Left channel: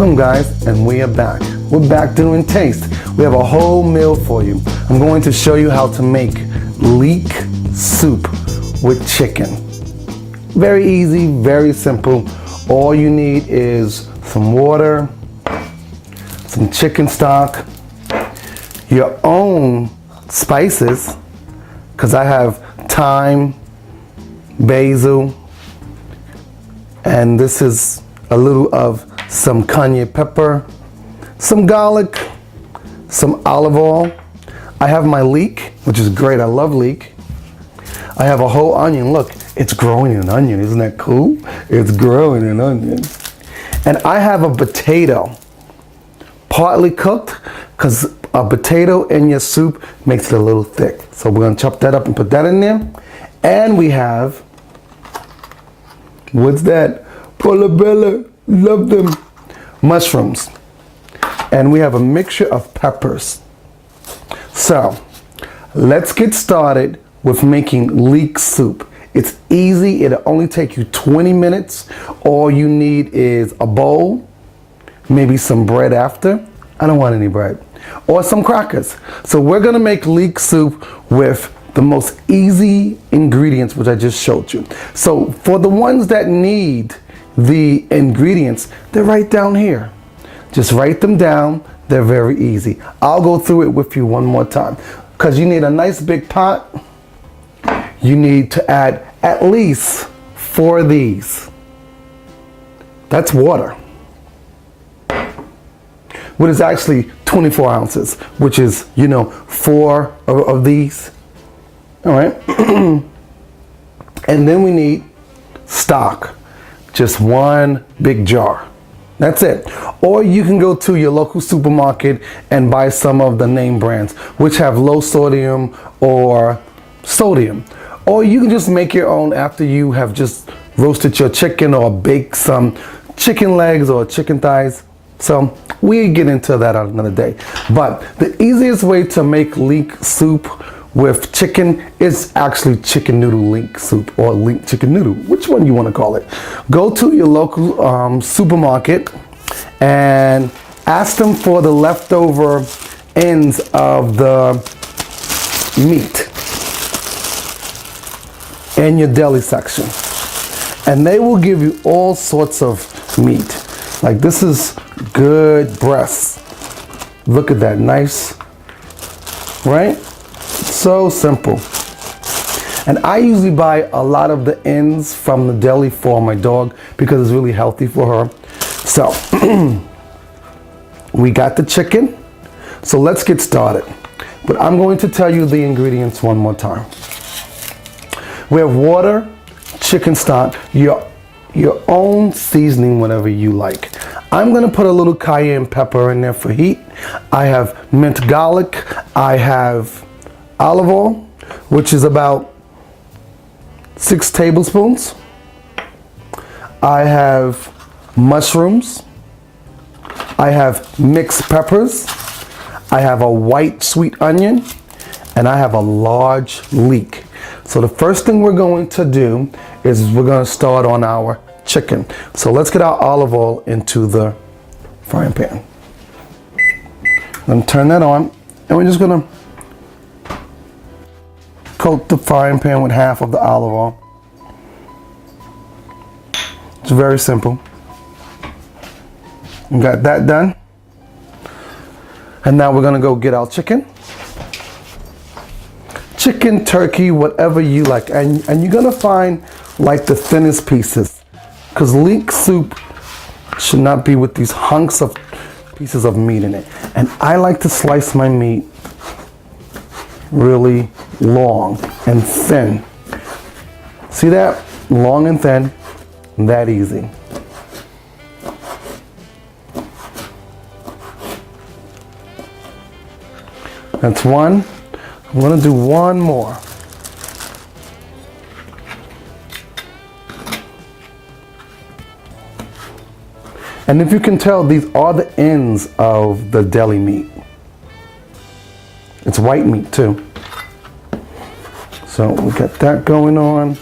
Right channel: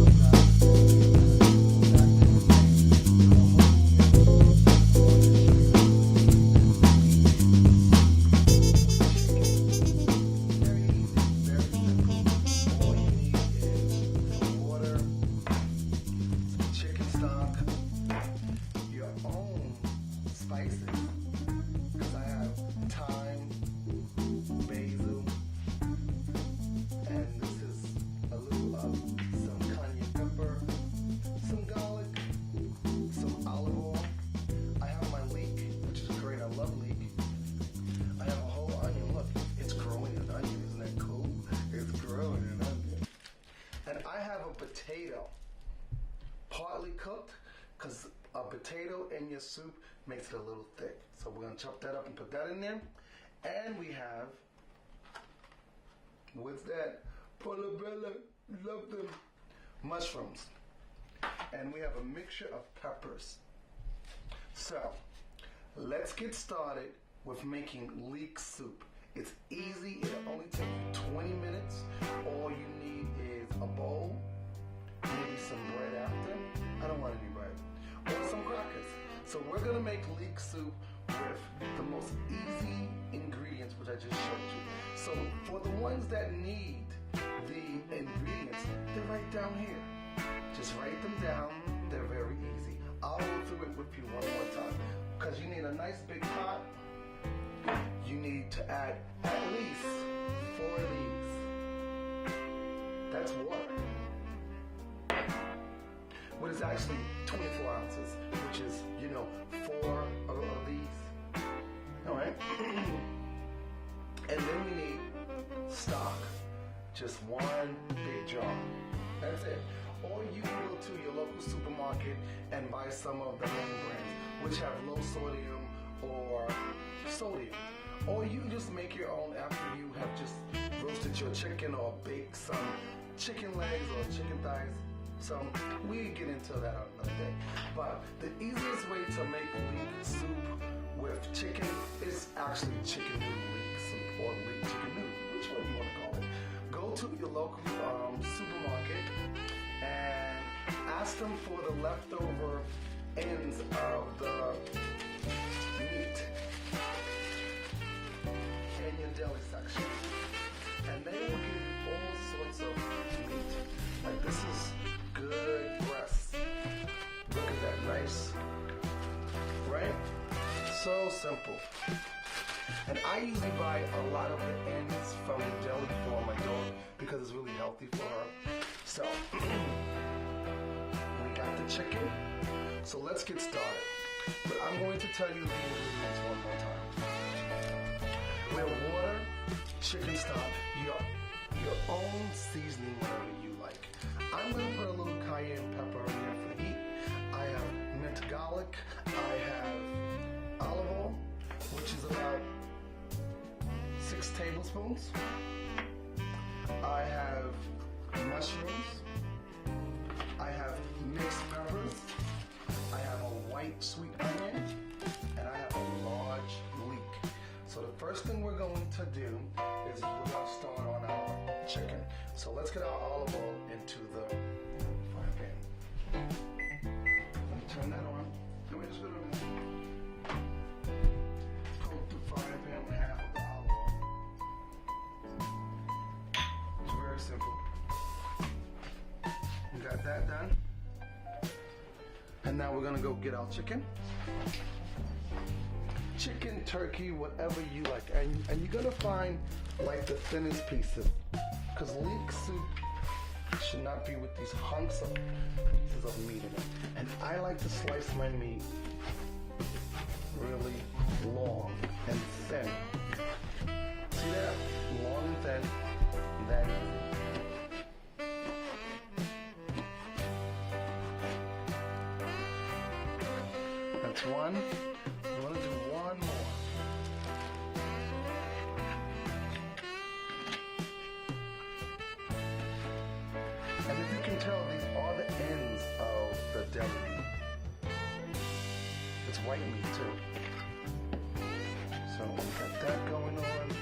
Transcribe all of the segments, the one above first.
Welcome guys, and we are back. We're back doing taste. We have a whole meal for you. I'm going to show you how to make leek soup with chicken. Very easy, very simple. All you need is some water, some chicken stock, your own spices, because I have thyme, basil, and this is a little of some cayenne pepper, some garlic, some olive oil. I have my leek, which is great. I love leek. I have a whole onion. Look, it's growing an onion. Isn't that cool? It's growing an onion. And I have a potato, partly cooked, because a potato in your soup makes it a little thick. So we're gonna chop that up and put that in there. And we have, what's that? Portobello, love them. Mushrooms. And we have a mixture of peppers. So let's get started with making leek soup. It's easy. It'll only take you 20 minutes. All you need is a bowl, maybe some bread after. I don't want any bread. Or some crackers. So we're gonna make leek soup with the most easy ingredients, which I just showed you. So for the ones that need the ingredients, they're right down here. Just write them down. They're very easy. I'll go through it with you one more time. Because you need a nice big pot. You need to add at least 4 of these. That's water. What is actually 24 ounces, which is, 4 of these. All right. And then we need stock. Just 1 big jar. That's it. Or you can go to your local supermarket and buy some of the name brands, which have low sodium or sodium. Or you can just make your own after you have just roasted your chicken or baked some chicken legs or chicken thighs. So we get into that on another day. But the easiest way to make leek soup with chicken is actually chicken noodle leek soup or leek chicken noodle, which one you want to call it. Go to your local supermarket and ask them for the leftover ends of the meat in your deli section. And they will give you all sorts of meat. Like this is good breasts. Look at that, nice, right? So simple. And I usually buy a lot of the ends from the deli for my dog because it's really healthy for her. So we got the chicken. So let's get started. But I'm going to tell you the ingredients one more time. We have water, chicken stock, your own seasoning, whatever you like. I'm gonna put a little cayenne pepper in there for heat. I have minced garlic. I have olive oil, which is about 6 tablespoons. I have mushrooms. I have mixed peppers. I have a white sweet onion, and I have a large leek. So the first thing we're going to do is we're going to start on our chicken. So let's get our olive oil into the frying pan. Then turn that on, and we're just going to coat the frying pan with half of the olive oil. It's very simple. We got that done. And now we're gonna go get our chicken. Chicken, turkey, whatever you like. And you're gonna find like the thinnest pieces. Because leek soup should not be with these hunks of pieces of meat in it. And I like to slice my meat really long and thin. See that? Long and thin, that easy. That's one. I'm gonna do one more. And if you can tell, these are the ends of the deli meat. It's white meat too. So we got that going on.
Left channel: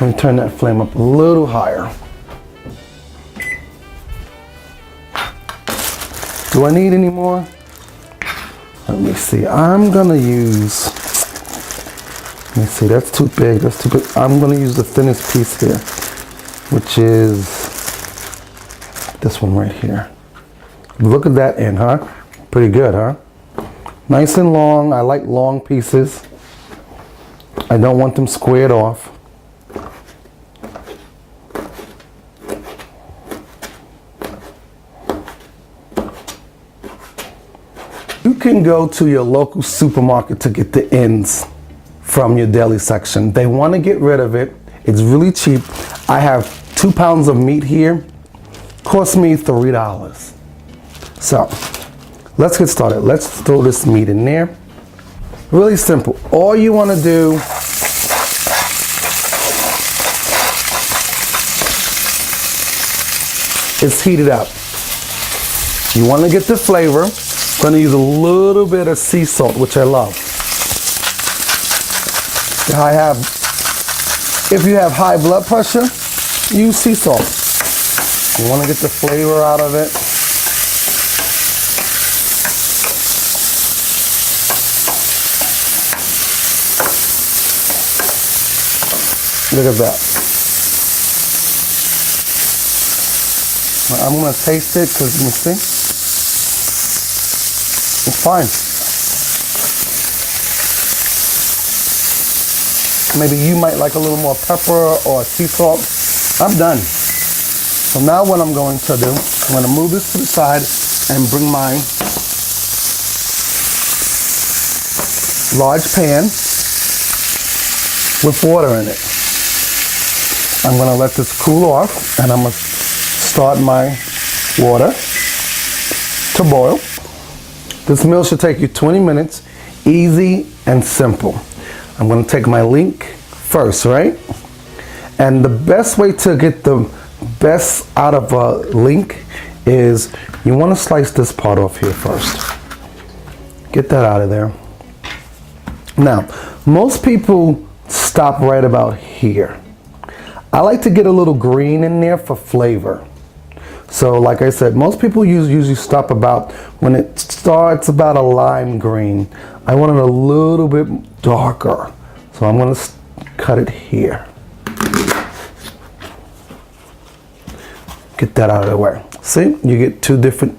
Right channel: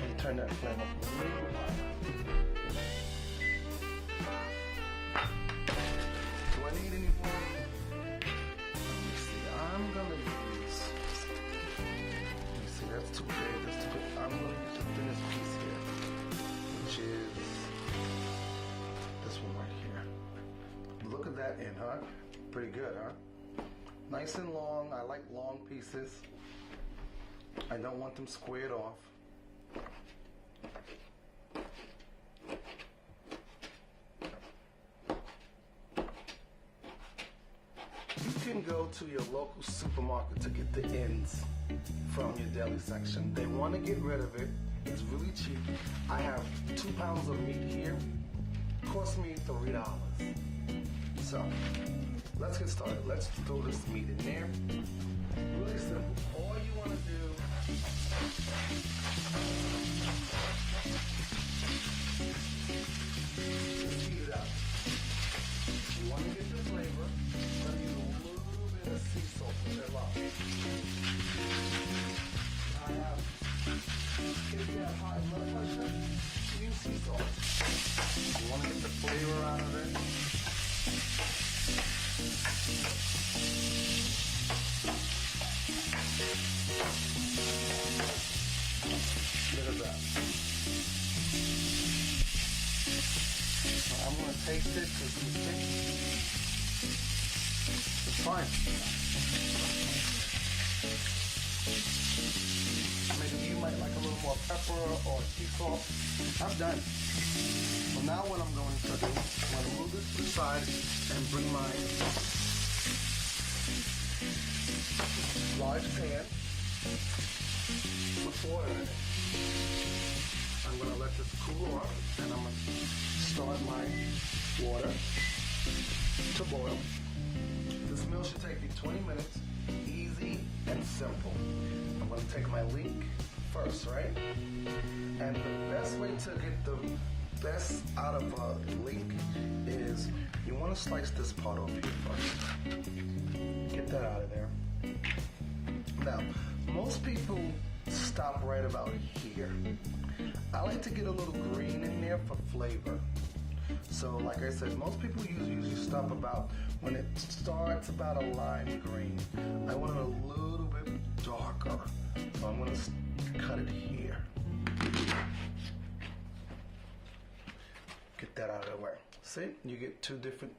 Let me turn that flame up a little higher. Do I need any more? Let me see. I'm gonna use, let me see, that's too big, that's too big. I'm gonna use the thinnest piece here, which is this one right here. Look at that end, huh? Pretty good, huh? Nice and long. I like long pieces. I don't want them squared off. You can go to your local supermarket to get the ends from your deli section. They want to get rid of it. It's really cheap. I have 2 pounds of meat here. Cost me $3. So let's get started. Let's throw this meat in there. Really simple. All you want to do is heat it up. You want to get the flavor. I'm going to use a little bit of sea salt, which I love. If you have high blood pressure, use sea salt. You want to get the flavor out of it. Look at that. I'm going to taste it because you see. It's fine. Maybe you might like a little more pepper or sea salt. I'm done. So now what I'm going to do, I'm going to move this to the side and bring my large pan with water in it. I'm going to let this cool off and I'm going to start my water to boil. This meal should take you 20 minutes, easy and simple. I'm going to take my Leek first, right? And the best way to get the best out of a Leek is you want to slice this part off here first. Get that out of there. Now, most people stop right about here. I like to get a little green in there for flavor. So like I said, most people usually stop about when it starts about a lime green. I want it a little bit darker. So I'm going to cut it here. Get that out of the way. See, you get 2 different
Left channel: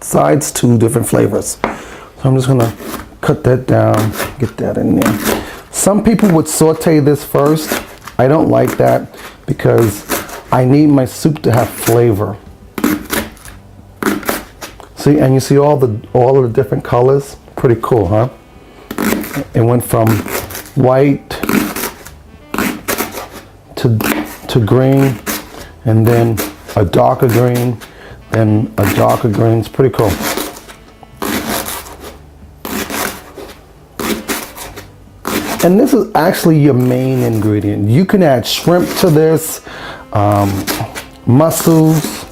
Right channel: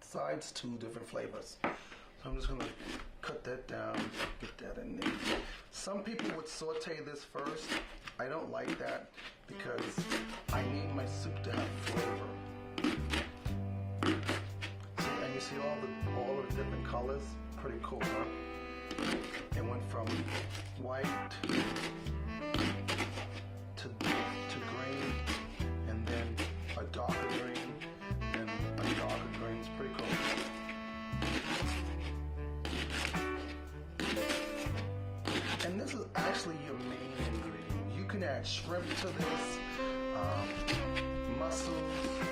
sides, 2 different flavors. So I'm just going to cut that down, get that in there. Some people would saute this first. I don't like that because I need my soup to have flavor. See, and you see all of the different colors? Pretty cool, huh? It went from white to green, and then a darker green, then a darker green. It's pretty cool. And this is actually your main ingredient. You can add shrimp to this, mussels,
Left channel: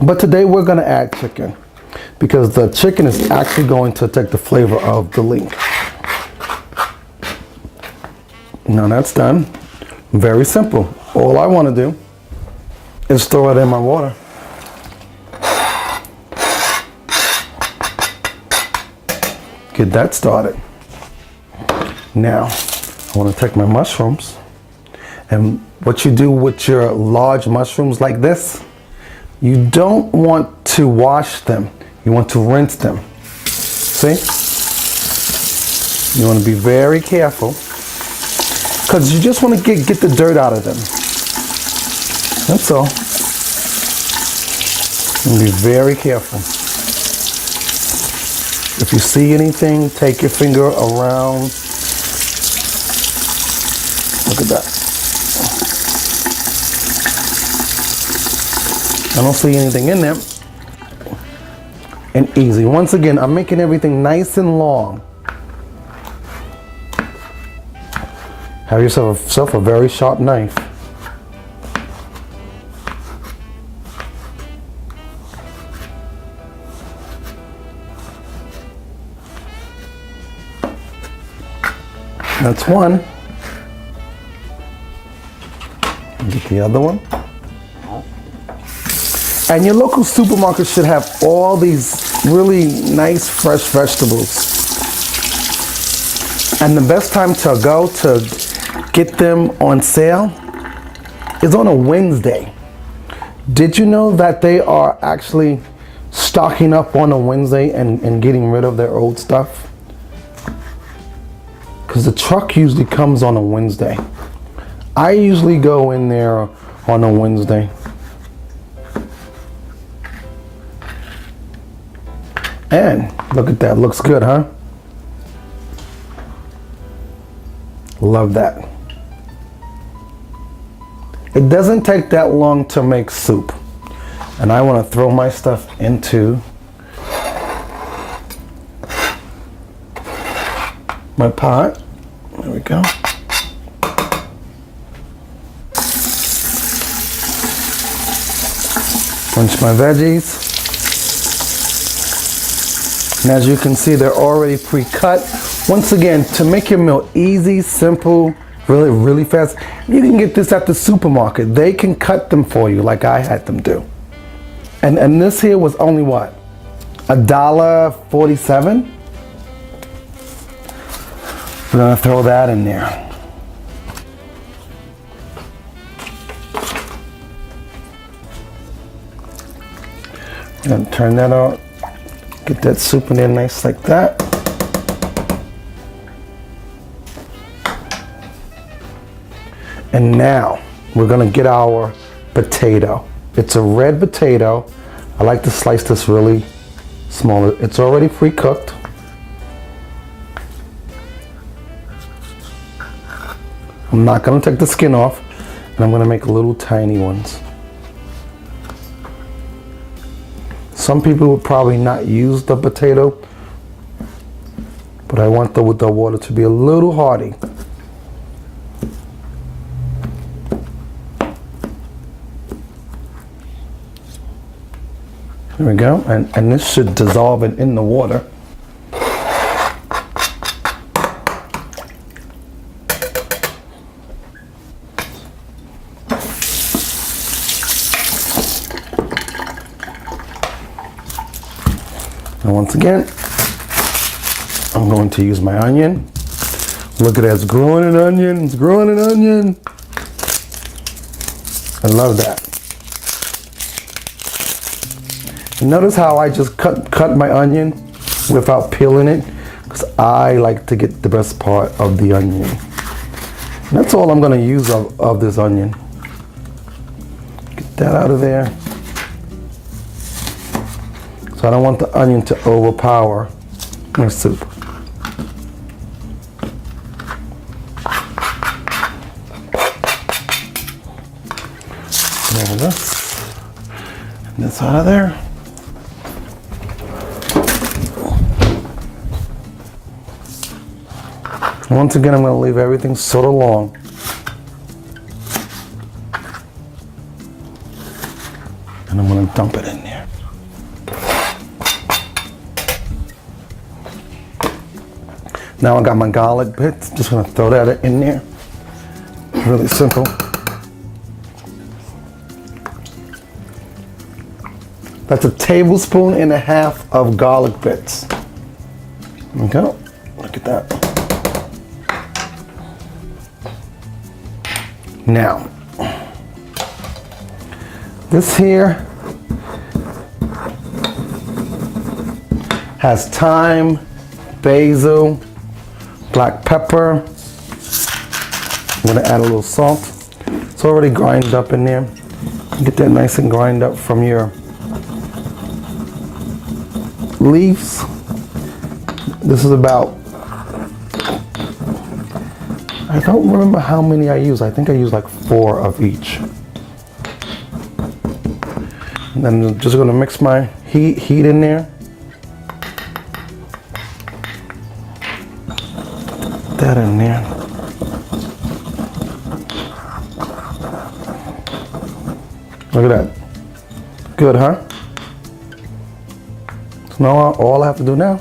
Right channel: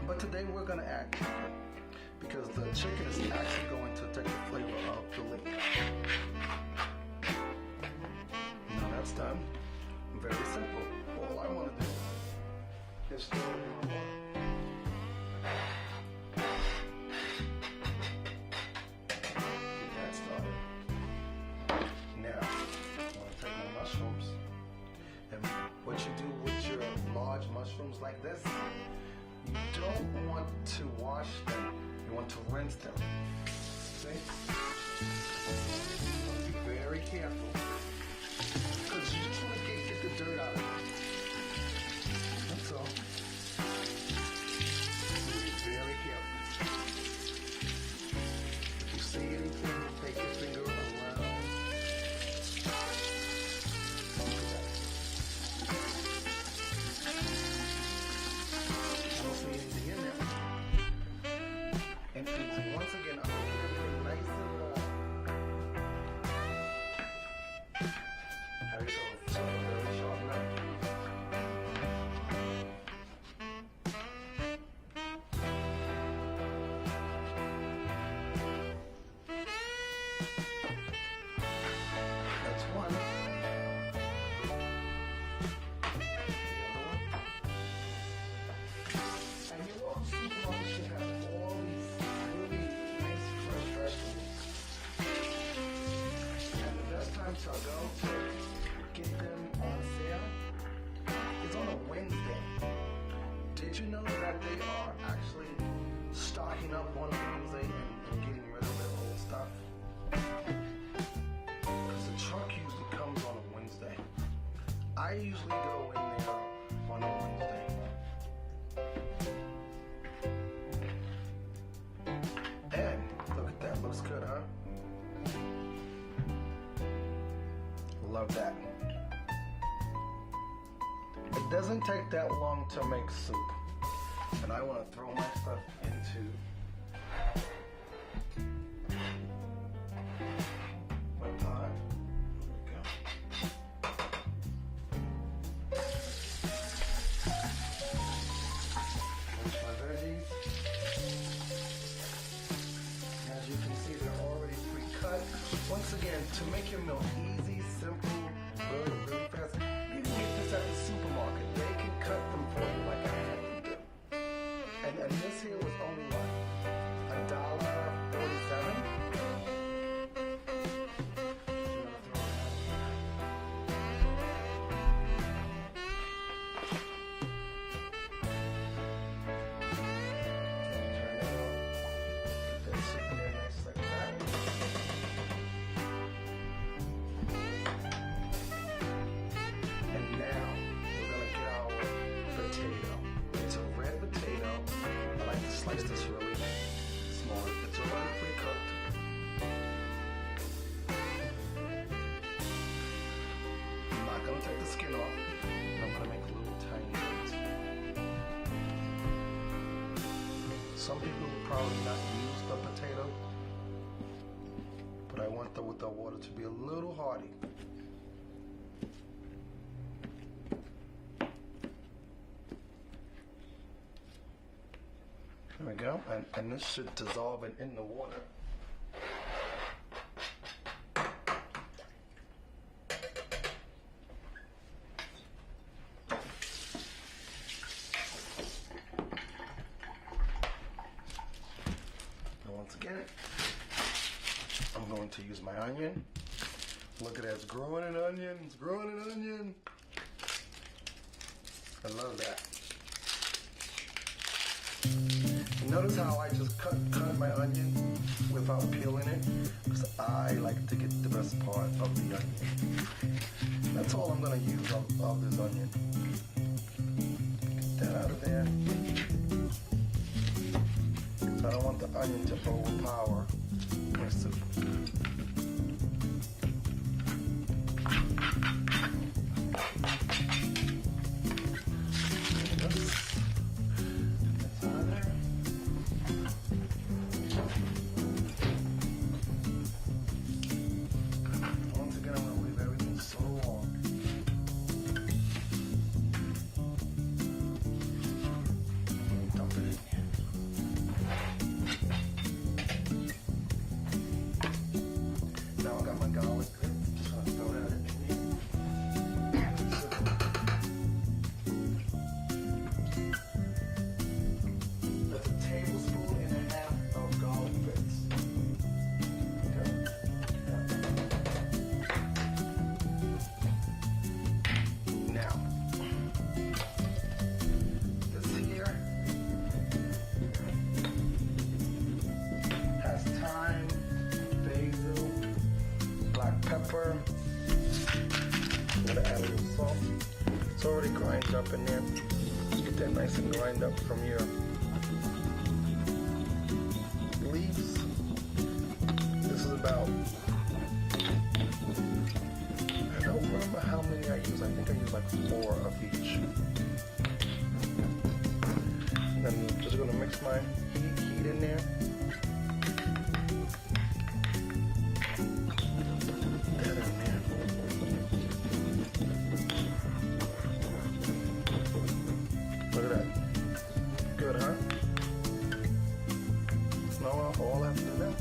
but today we're going to add chicken because the chicken is actually going to take the flavor of the Leek. Now that's done. Very simple. All I want to do is throw it in my water. Get that started. Now, I want to take my mushrooms, and what you do with your large mushrooms like this, you don't want to wash them. You want to rinse them. See? You want to be very careful because you just want to get the dirt out of them. That's all. And be very careful. If you see anything, take your finger around. Look at that. I don't see anything in there. And easy. Once again, I'm making everything nice and long. Have yourself a very sharp knife. That's one. Get the other one. And your local supermarket should have all these really nice fresh vegetables. And the best time to go to get them on sale is on a Wednesday. Did you know that they are actually stocking up on a Wednesday and getting rid of their old stuff? Because the truck usually comes on a Wednesday. I usually go in there on a Wednesday. And look at that, looks good, huh? Love that. It doesn't take that long to make soup. And I want to throw my stuff into my pot. There we go. Bunch my veggies. And as you can see, they're already pre-cut. Once again, to make your meal easy, simple, really fast, you can get this at the supermarket. They can cut them for you like I had them do. And this here was only what? $1.47? We're gonna throw that in there. I'm gonna turn that on. Get that soup in there nice like that. And now we're gonna get our potato. It's a red potato. I like to slice this really small. It's already pre-cooked. I'm not gonna take the skin off, and I'm gonna make little tiny ones. Some people would probably not use the potato, but I want the water to be a little hearty. There we go, and this should dissolve it in the water. And once again, I'm going to use my onion. Look at that, it's growing an onion, it's growing an onion. I love that. And notice how I just cut my onion without peeling it, because I like to get the best part of the onion. And that's all I'm gonna use of this onion. Get that out of there. So I don't want the onion to overpower my soup. There we go. And this out of there. And once again, I'm going to leave everything sort of long. And I'm going to dump it in there. Now I got my garlic bits, just gonna throw that in there. Really simple. That's 1.5 tablespoons of garlic bits. Okay, look at that. Now, this here has thyme, basil, black pepper. I'm gonna add a little salt. It's already grinded up in there. Get that nice and grind up from your leaves. This is about, I don't remember how many I use. I think I use like 4 of each. And then I'm just gonna mix my heat in there. That in there. Look at that. Good, huh? So now all I have to do now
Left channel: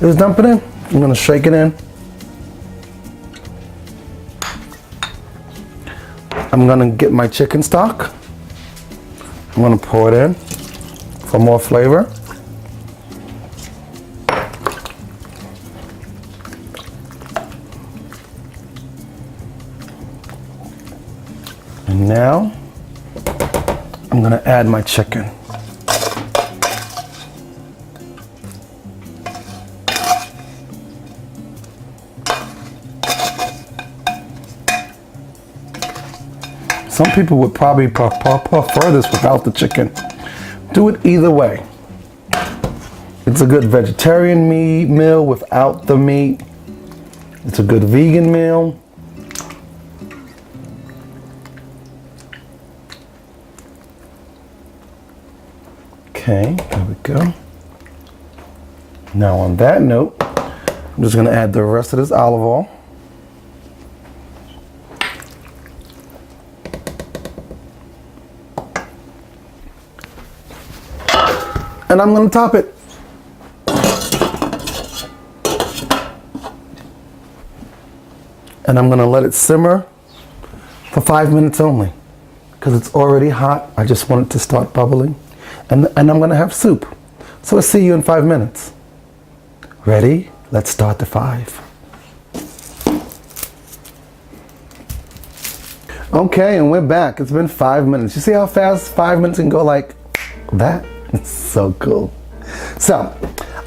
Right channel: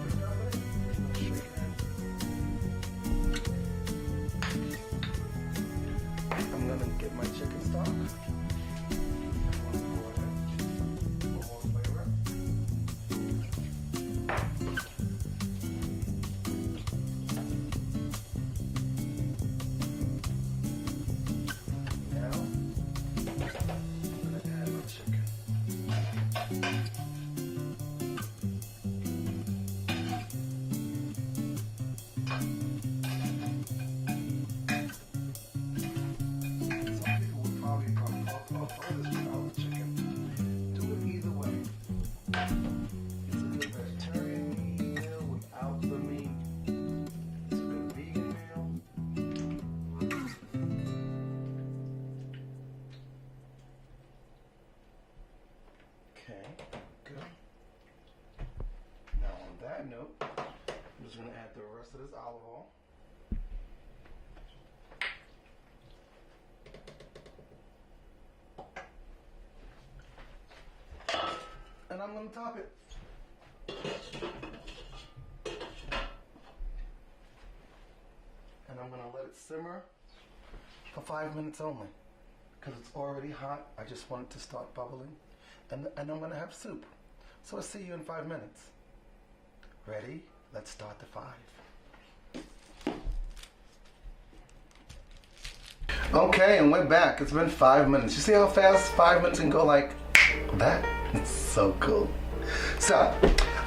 is dump it in. I'm gonna shake it in. I'm gonna get my chicken stock. I'm gonna pour it in. for more flavor. And now I'm gonna add my chicken. Some people would probably prefer this without the chicken. Do it either way. It's a good vegetarian meal without the meat. It's a good vegan meal. Okay, there we go. Now on that note, I'm just gonna add the rest of this olive oil. And I'm gonna top it. And I'm gonna let it simmer for 5 minutes only, because it's already hot. I just want it to start bubbling. And I'm gonna have soup. So I'll see you in 5 minutes. Ready? Let's start the 5. Okay, and we're back. It's been 5 minutes. You see how fast 5 minutes can go like that? It's so cool. So,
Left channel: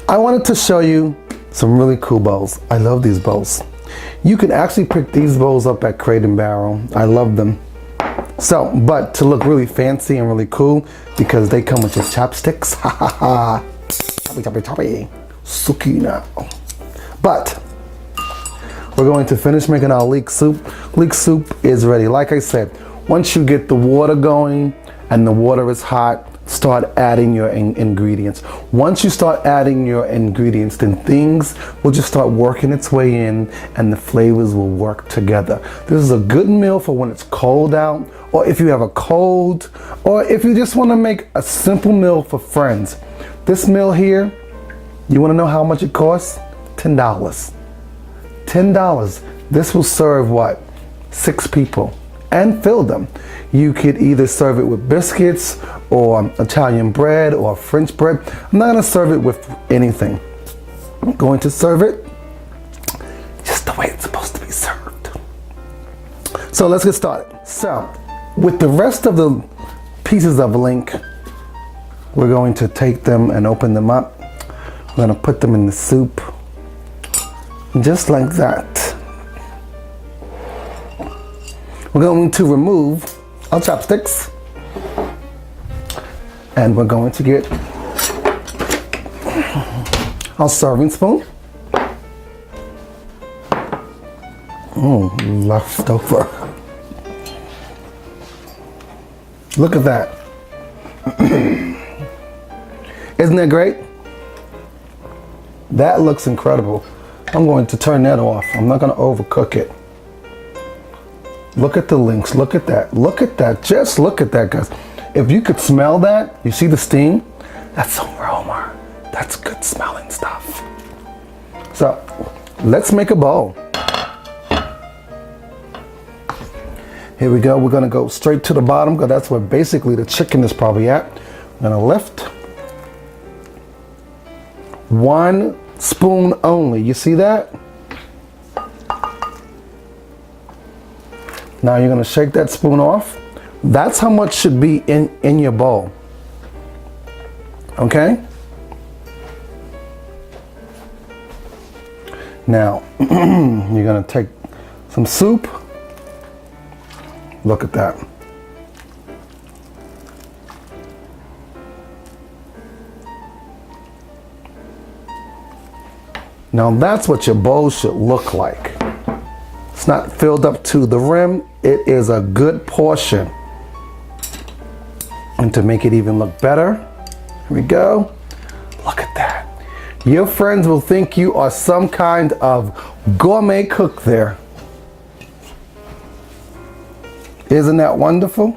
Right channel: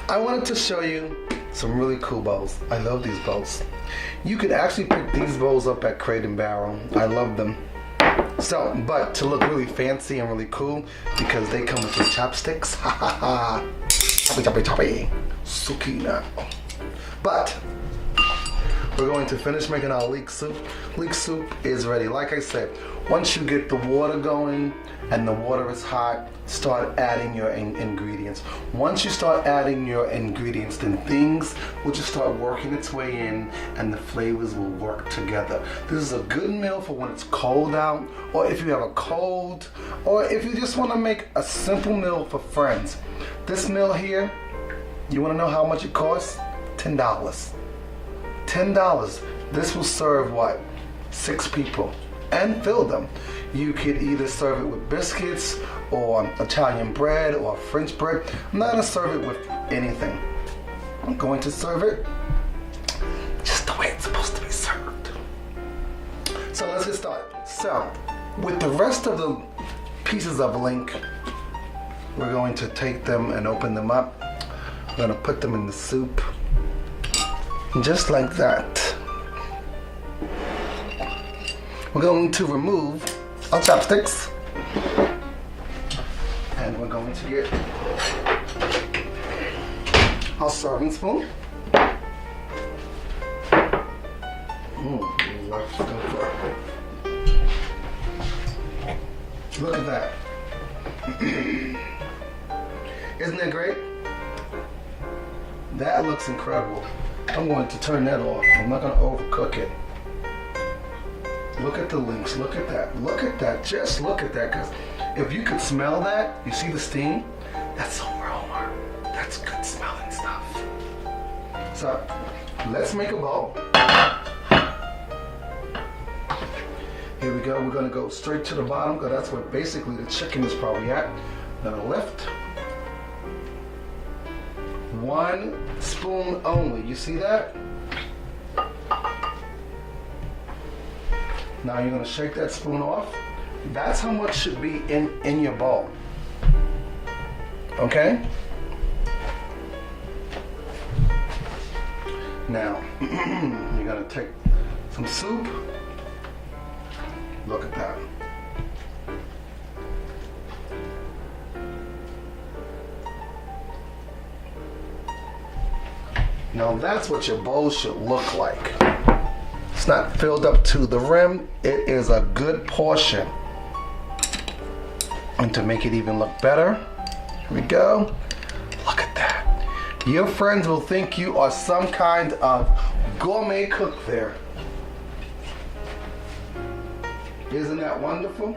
I wanted to show you some really cool bowls. I love these bowls. You can actually pick these bowls up at Crate and Barrel. I love them. So, but to look really fancy and really cool, because they come with the chopsticks. Ha ha ha. Choppy, choppy, choppy. Suki now. But, we're going to finish making our leek soup. Leek soup is ready. Like I said, once you get the water going and the water is hot, start adding your ingredients. Once you start adding your ingredients, then things will just start working its way in and the flavors will work together. This is a good meal for when it's cold out, or if you have a cold, or if you just want to make a simple meal for friends. This meal here, you want to know how much it costs? $10. $10. This will serve what? 6 people and fill them. You could either serve it with biscuits or Italian bread or French bread. I'm not gonna serve it with anything. I'm going to serve it just the way it's supposed to be served. So let's get started. So with the rest of the pieces of Leek, we're going to take them and open them up. I'm gonna put them in the soup, just like that. We're going to remove our chopsticks, and we're going to get our serving spoon. Oh, leftover. Look at that. Isn't that great? That looks incredible. I'm going to turn that off. I'm not going to overcook it. Look at the links. Look at that. Look at that. Just look at that, guys. If you could smell that, you see the steam? That's aroma. That's good smelling stuff. So let's make a bowl. Here we go. We're going to go straight to the bottom, because that's where basically the chicken is probably at. I'm going to lift. 1 spoon only. You see that? Now you're gonna shake that spoon off. That's how much should be in your bowl. Okay? Now, you're gonna take some soup. Look at that. Now that's what your bowl should look like. It's not filled up to the rim. It is a good portion. And to make it even look better, here we go. Look at that. Your friends will think you are some kind of gourmet cook there. Isn't that wonderful?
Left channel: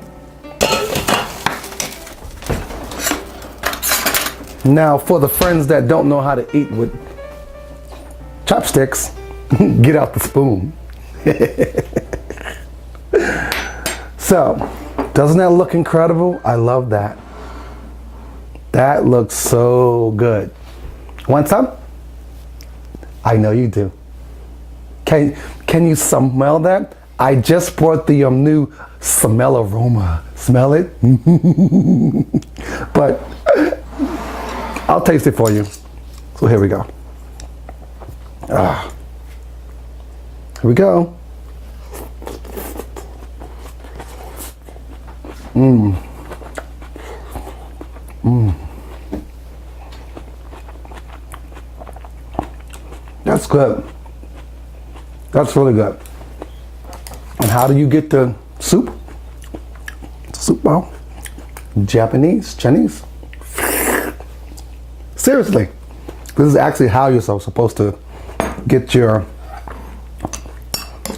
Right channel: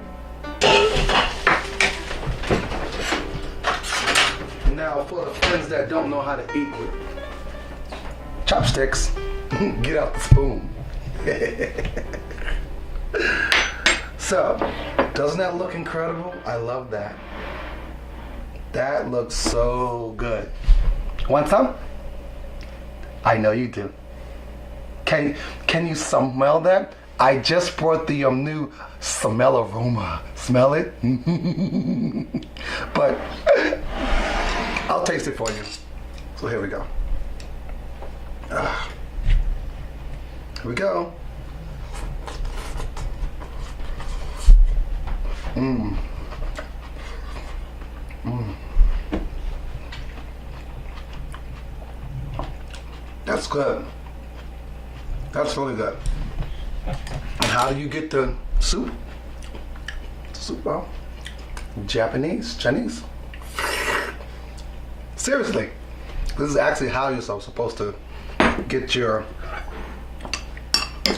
Now, for the friends that don't know how to eat with chopsticks, get out the spoon. So, doesn't that look incredible? I love that. That looks so good. Want some? I know you do. Can you smell that? I just brought the new smell aroma. Smell it? But I'll taste it for you. So here we go. Here we go. That's good. That's really good. And how do you get the soup? Soup bowl? Japanese? Chinese? Seriously. This is actually how you're supposed to get your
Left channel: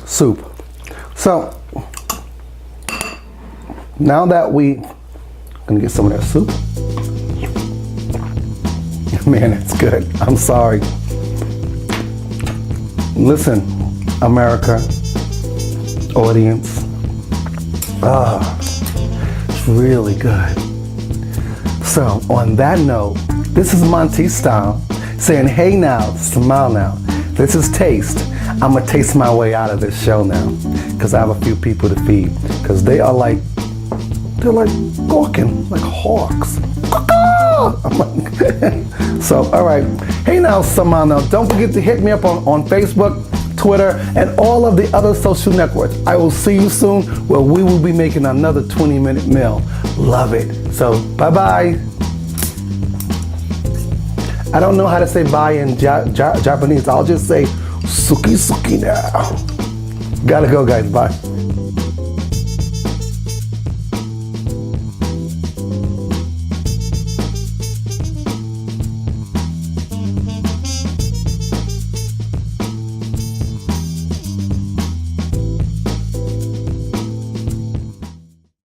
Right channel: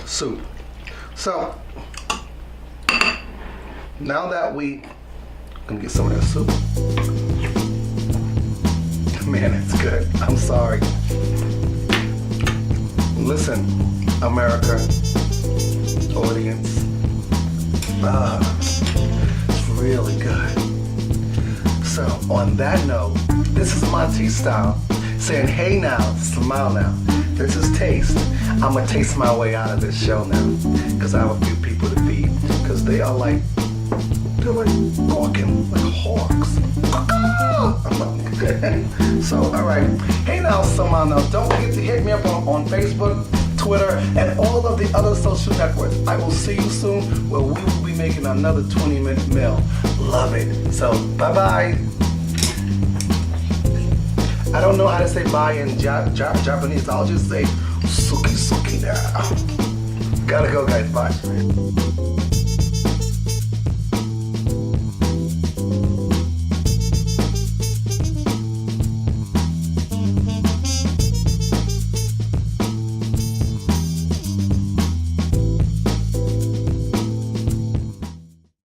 soup. So, now that we gonna get some of that soup. Man, it's good. I'm sorry. Listen, America, audience. It's really good. So, on that note, this is MonteysStyle saying, hey now, smile now. This is Taste. I'm gonna taste my way out of this show now, because I have a few people to feed, because they're like gawking like hawks. So, all right. Hey now, smile now. Don't forget to hit me up on Facebook, Twitter, and all of the other social networks. I will see you soon where we will be making another 20-minute meal. Love it. So, bye-bye. I don't know how to say bye in Japanese. I'll just say suki suki now. Gotta go, guys. Bye.